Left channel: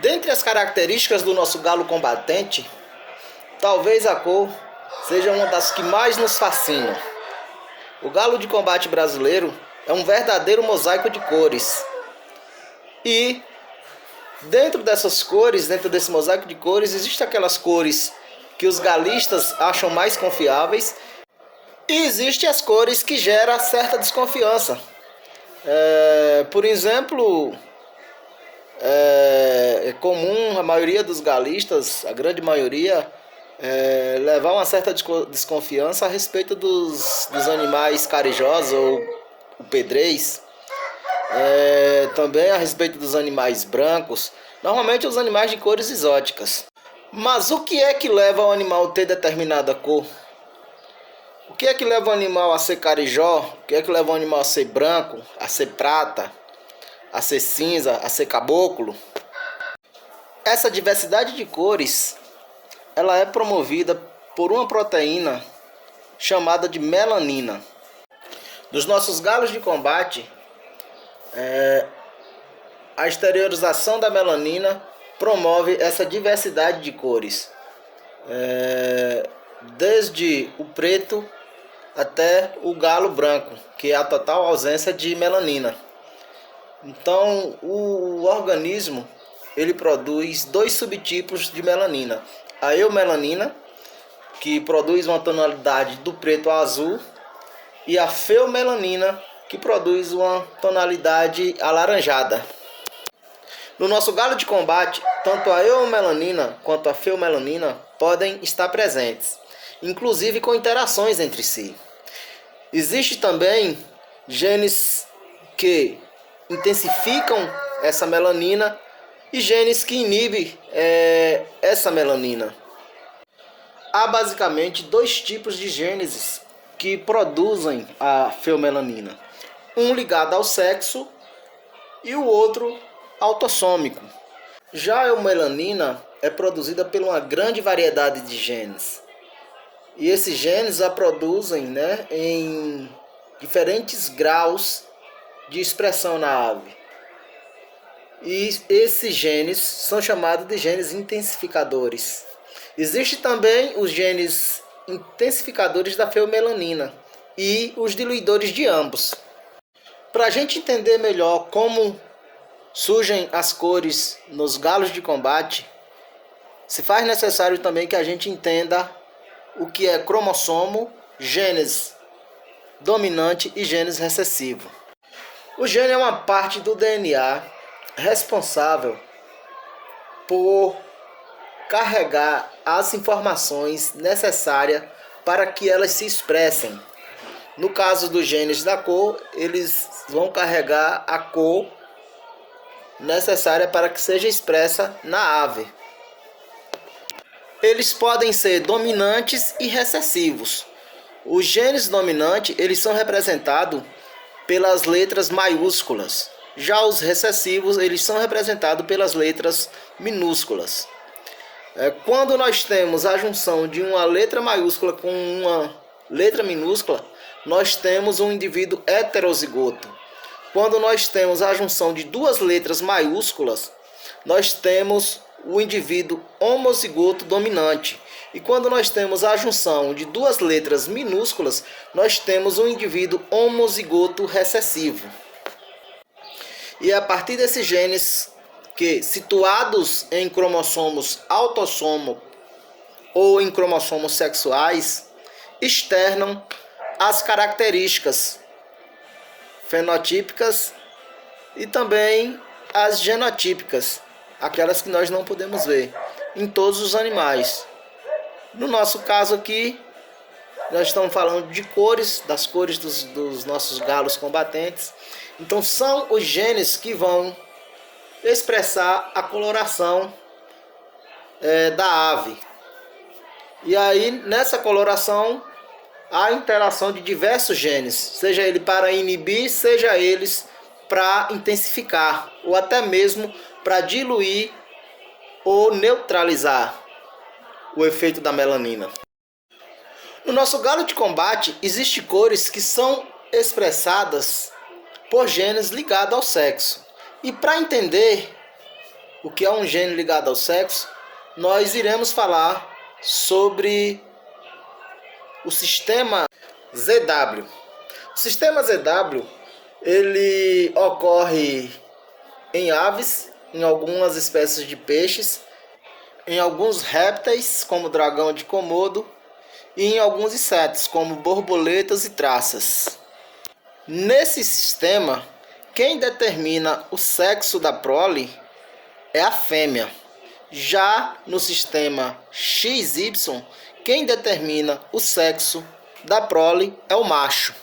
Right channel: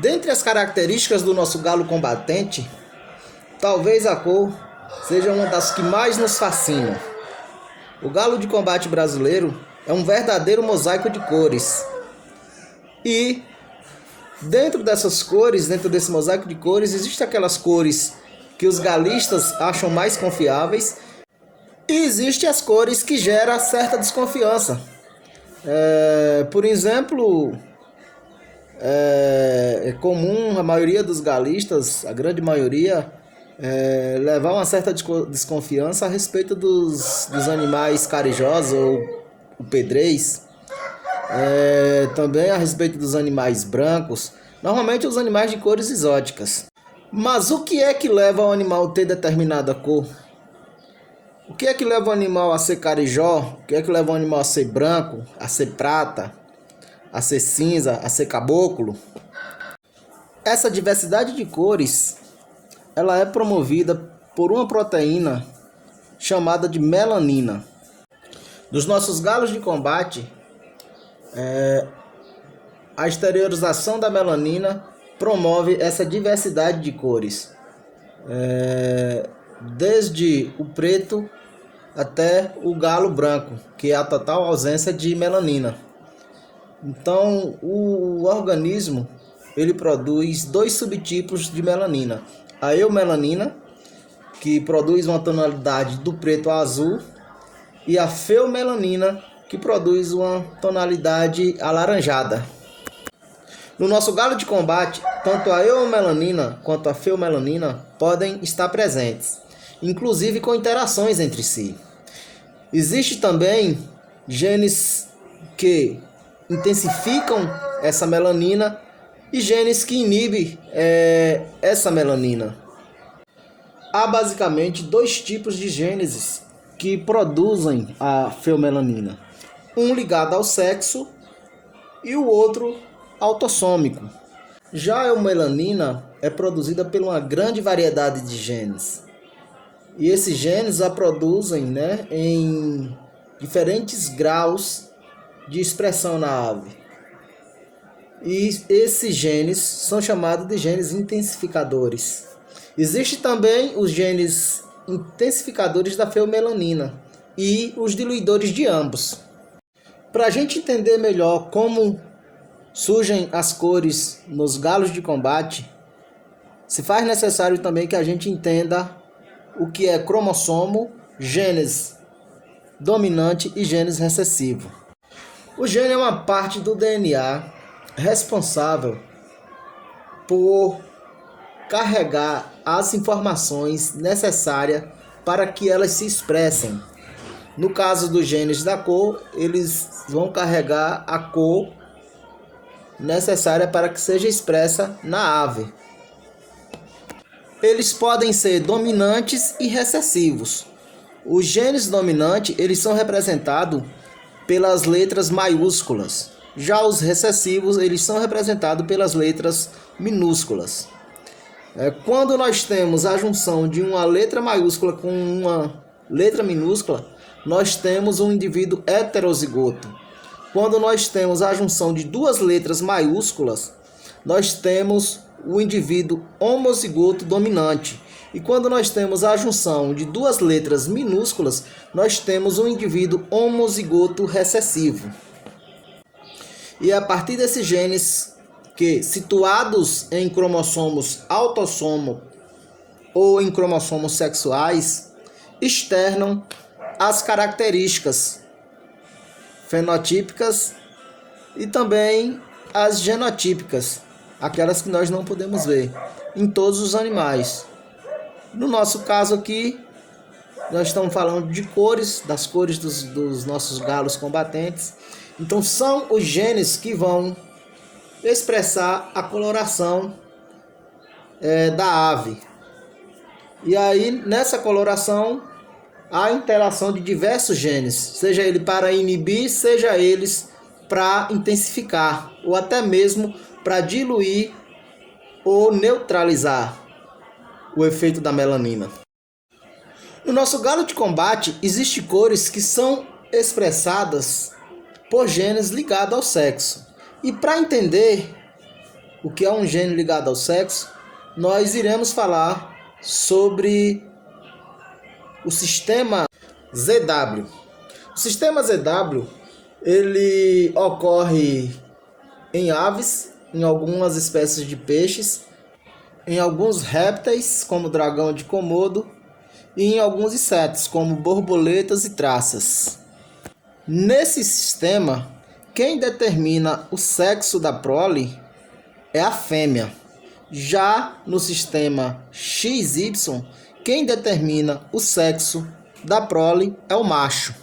Dentre as características do nosso galo combatente, talvez a cor seja uma das que mais nos fascinam. O galo de combate brasileiro é um verdadeiro mosaico de cores. E dentro dessas cores, dentro desse mosaico de cores, existem aquelas cores que os galistas acham mais confiáveis e existem as cores que geram certa desconfiança. Por exemplo, é comum a maioria dos galistas, a grande maioria, levar uma certa desconfiança a respeito dos animais carijosos ou o pedrez, também a respeito dos animais brancos, normalmente os animais de cores exóticas. Mas o que é que leva o animal a ter determinada cor? O que é que leva o animal a ser carijó? O que é que leva o animal a ser branco, a ser prata, a ser cinza, a ser caboclo? Essa diversidade de cores, ela é promovida por uma proteína chamada de melanina. Nos nossos galos de combate, a exteriorização da melanina promove essa diversidade de cores, desde o preto até o galo branco, que é a total ausência de melanina. Então, o organismo ele produz dois subtipos de melanina: a eumelanina, que produz uma tonalidade do preto ao azul, e a feomelanina, que produz uma tonalidade alaranjada. No nosso galo de combate, tanto a eumelanina quanto a feomelanina podem estar presentes, inclusive com interações entre si. Existem também genes que intensificam essa melanina e genes que inibem essa melanina. Há basicamente dois tipos de genes que produzem a feomelanina: um ligado ao sexo e o outro autossômico. Já a eumelanina é produzida por uma grande variedade de genes. E esses genes a produzem, em diferentes graus de expressão na ave. E esses genes são chamados de genes intensificadores. Existem também os genes intensificadores da feomelanina e os diluidores de ambos. Para a gente entender melhor como surgem as cores nos galos de combate, se faz necessário também que a gente entenda o que é cromossomo, genes dominante e genes recessivo. O gene é uma parte do DNA responsável por carregar as informações necessárias para que elas se expressem. No caso dos genes da cor, eles vão carregar a cor necessária para que seja expressa na ave. Eles podem ser dominantes e recessivos. Os genes dominantes, eles são representados pelas letras maiúsculas. Já os recessivos, eles são representados pelas letras minúsculas. Quando nós temos a junção de uma letra maiúscula com uma letra minúscula, nós temos um indivíduo heterozigoto. Quando nós temos a junção de duas letras maiúsculas, nós temos o indivíduo homozigoto dominante. E quando nós temos a junção de duas letras minúsculas, nós temos um indivíduo homozigoto recessivo. E é a partir desses genes que, situados em cromossomos autossomo ou em cromossomos sexuais, externam as características fenotípicas e também as genotípicas, aquelas que nós não podemos ver em todos os animais. No nosso caso aqui, nós estamos falando de cores, das cores dos nossos galos combatentes. Então são os genes que vão expressar a coloração da ave. E aí nessa coloração há interação de diversos genes, seja ele para inibir, seja eles para intensificar, ou até mesmo para diluir ou neutralizar o efeito da melanina. No nosso galo de combate, existem cores que são expressadas por genes ligados ao sexo. E para entender o que é um gene ligado ao sexo, nós iremos falar sobre o sistema ZW. O sistema ZW, ele ocorre em aves, em algumas espécies de peixes, em alguns répteis, como o dragão de Komodo, e em alguns insetos, como borboletas e traças. Nesse sistema, quem determina o sexo da prole é a fêmea. Já no sistema XY, quem determina o sexo da prole é o macho.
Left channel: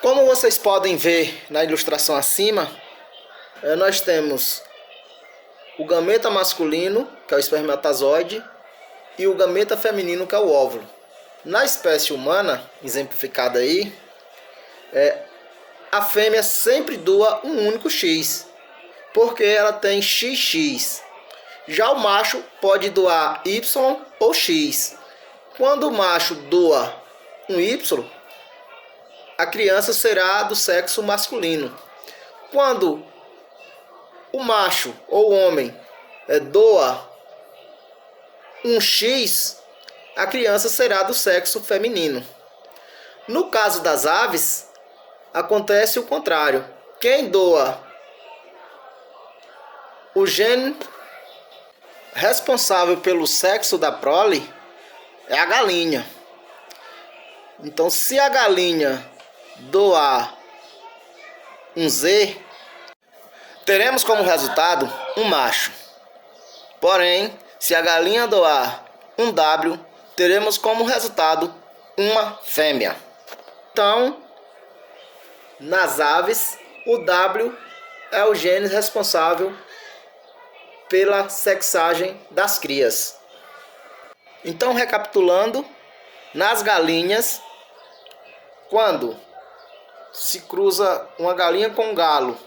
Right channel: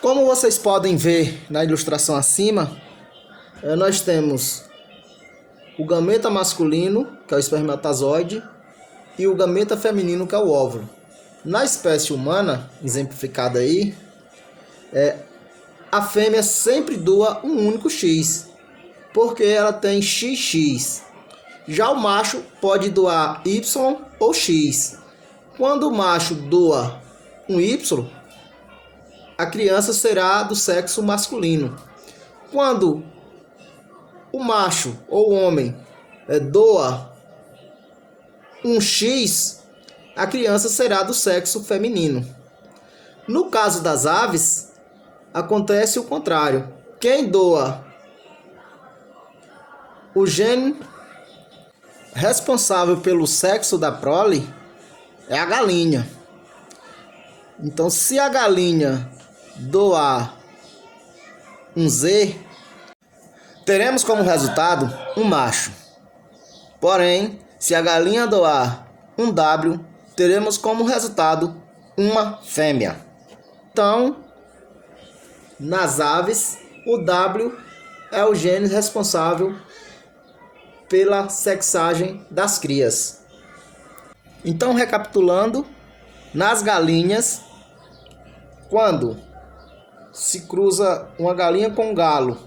Como vocês podem ver na ilustração acima, nós temos o gameta masculino, que é o espermatozoide, e o gameta feminino, que é o óvulo. Na espécie humana, exemplificada aí, a fêmea sempre doa um único X, porque ela tem XX. Já o macho pode doar Y ou X. Quando o macho doa um Y, a criança será do sexo masculino. Quando o macho ou o homem doa um X, a criança será do sexo feminino. No caso das aves, acontece o contrário. Quem doa o gene responsável pelo sexo da prole é a galinha. Então, se a galinha doar um Z, teremos como resultado um macho. Porém, se a galinha doar um W, teremos como resultado uma fêmea. Então, nas aves, o W é o gene responsável pela sexagem das crias. Então, recapitulando, nas galinhas, quando se cruza uma galinha com um galo,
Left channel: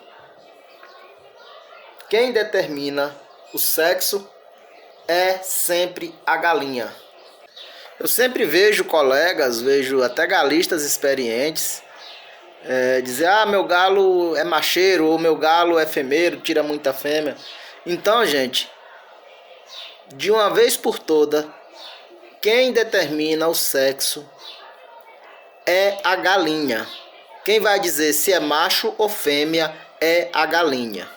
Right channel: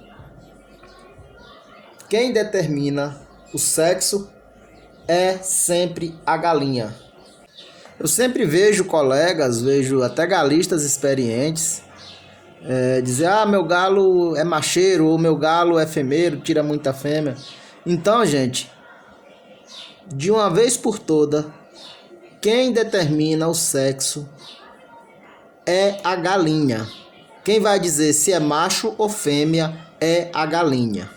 quem determina o sexo é sempre a galinha. Eu sempre vejo colegas, vejo até galistas experientes dizer: meu galo é macheiro, ou meu galo é fêmea, tira muita fêmea. Então, gente, de uma vez por toda, quem determina o sexo é a galinha. Quem vai dizer se é macho ou fêmea é a galinha.